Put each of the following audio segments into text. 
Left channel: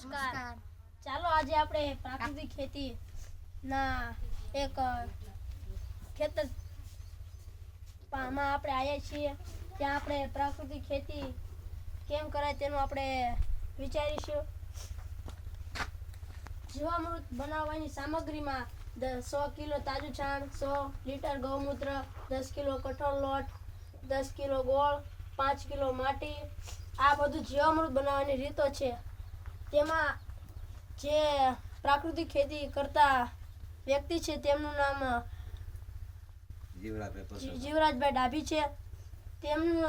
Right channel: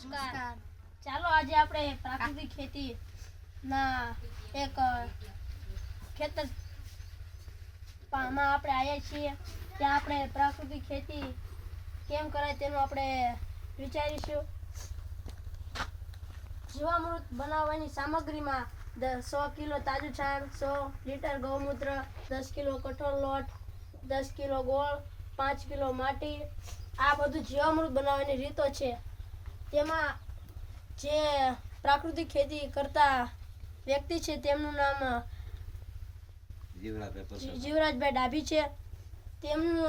નમસ્કાર। ચાલો આજે આપણે પ્રાકૃતિક ખેતી ના એક ખેતર માં આપણે આવ્યા છીએ। ત્યાં આપણે પ્રાકૃતિક ખેતી કેમ કરાય તેનું આપણે વિચારીશું। જીવામૃત બનાવવાની સામગ્રીમાં 100 કિલો તાજું છાણ, 100 લીટર ગૌમૂત્ર, 10 કિલો કઠોળ લોટ, 10 કિલો ગોળ, 5 કિલો માટી, આ બધું જીવામૃત બનાવવાની રીતો છે। તેમાં જે પ્રાકૃતિક ખેતી કરતા વ્યક્તિ છે તેમનું નામ જીવરાજભાઈ ડાભી છે। તેમનું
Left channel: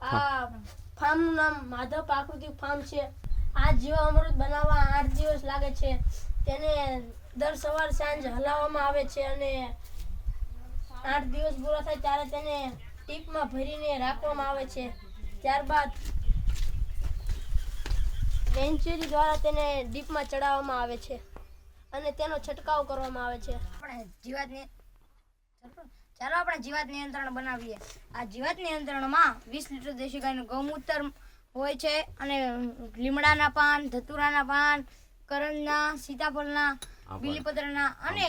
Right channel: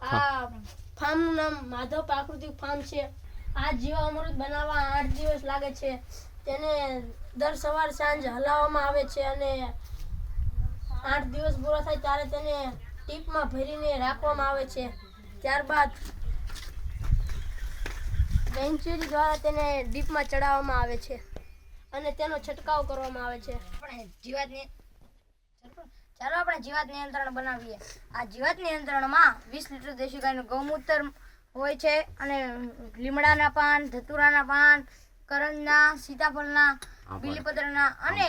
આ ફાર્મનું નામ માધવ પ્રાકૃતિક ફાર્મ છે। આ જીવામૃત બનાવવા 8 દિવસ લાગે છે। તેને દર સવાર સાંજ હલાવવામાં આવે છે અને 8 દિવસ પૂરા થાય ત્યારે તેને ટીપમાં ભરીને રાખવામાં આવે છે। ત્યારબાદ વેન્ચરી દ્વારા તેને ડીપમાં ચડાવવામાં આવે છે અને તેનો છંટકાવ કરવામાં આવે છે। ચાલો આપણે જીવાત નિયંત્રણ બનાવીએ। આ જીવાત નિયંત્રણમાં 20 લીટર દેશી ગાયનું ગૌમૂત્ર હોય છે અને લીમડાના પાન, ધતુરાના પાન, કરંજના, સીતાફળના, બીલીપત્રના અને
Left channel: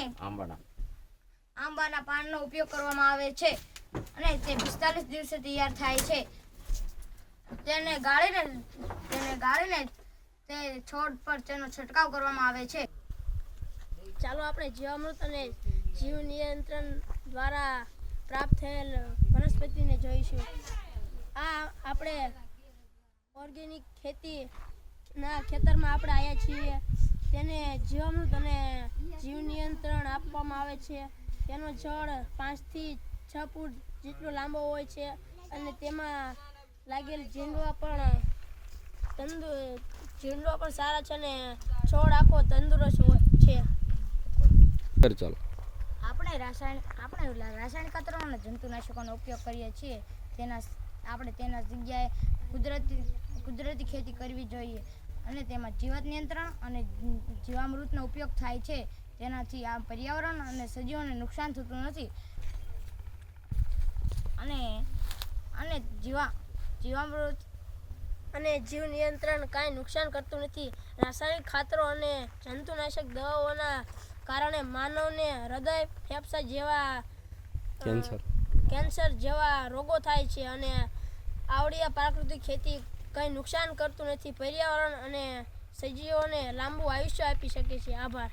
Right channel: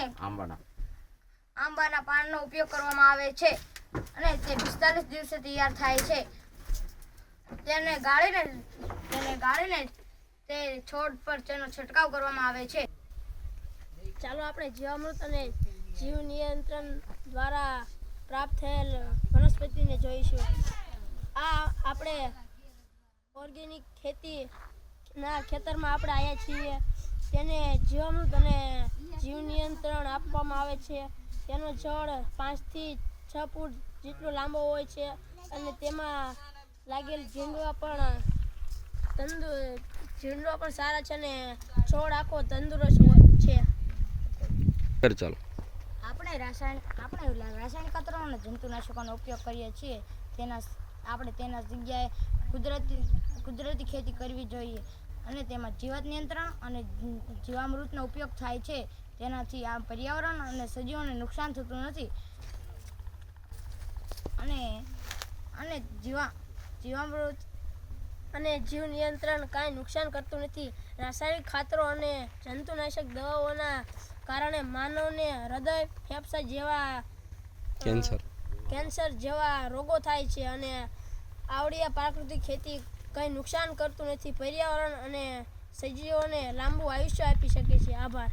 આંબાના પાનનો ઉપયોગ કરવામાં આવે છે અને તે 45 દિવસે તૈયાર થાય છે। તેને ગાળીને તે છોડ પર તેનો છંટકાવ કરવામાં આવે છે। ચાલો આપણે જીવામૃત અને જીવ નિયંત્રણ દ્વારા પ્રાપ્ત થયેલ વનસ્પતિને જોઈશું। આ આપણે ઓર્ગેનિક ખેતીના ખેતરમાં આપણે આવ્યા છીએ। તેને જીવામૃત અને જીવ નિયંત્રણ આપવામાં આવે છે। તેનો છોડ 5 થી 6 ફૂટ જેટલો લાંબો હોય છે અને તેમાં લાગેલ ઝીંડવા પણ સારા છે અને છોડ આખો તંદુરસ્ત છે। આપણે રાસાયણિક ખાતરો અને જંતુનાશકોનો ઉપયોગ કરીએ છીએ। તેના જગ્યાએ કુદરતી ખેતી કરવી જોઈએ અને તેમાં જીવાત નિયંત્રણ અને જીવામૃતનો ઉપયોગ થાય છે। તેનાથી આ પર્યાવરણ અને સજીવોને નુકસાન થતું નથી અને જીવામૃત અને જીવ નિયંત્રણ કાંઈ નુકસાન કરતું નથી। રાસાયણિક ખાતરો અને જંતુનાશક દવાઓના કારણે માનવને હૃદય, ફેફસા જેવા કેન્સર જેવા રોગો થાય છે અને આવડી પ્રાકૃતિક ખેતી કંઈ નુકસાન કરતું નથી। પર્યાવરણ અને સજીવોને લાંબુ આયુષ્ય આપી શકે છે। આભાર।